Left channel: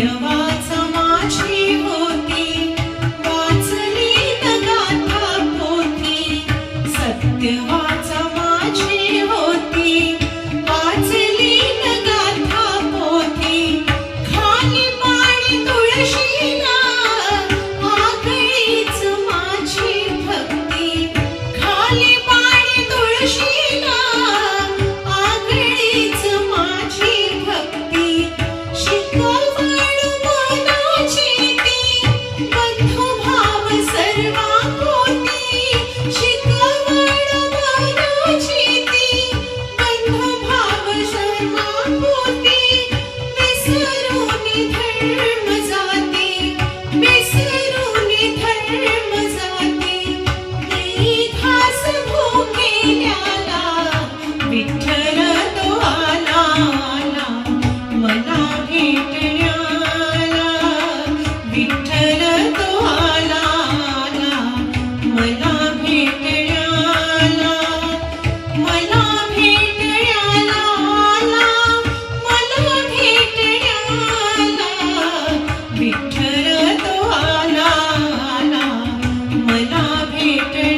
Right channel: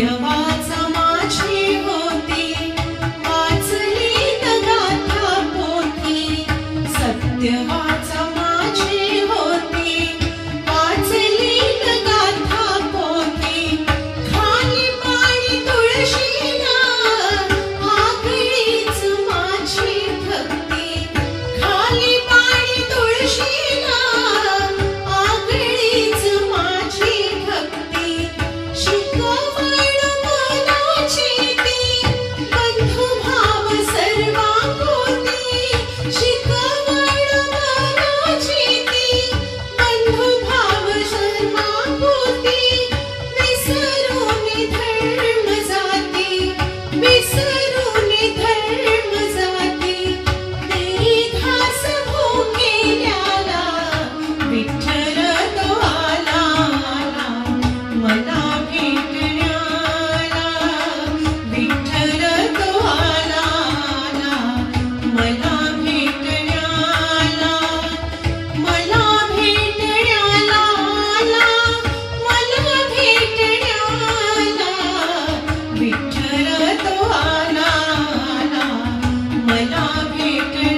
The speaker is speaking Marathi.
सत्यवाचा Thank you.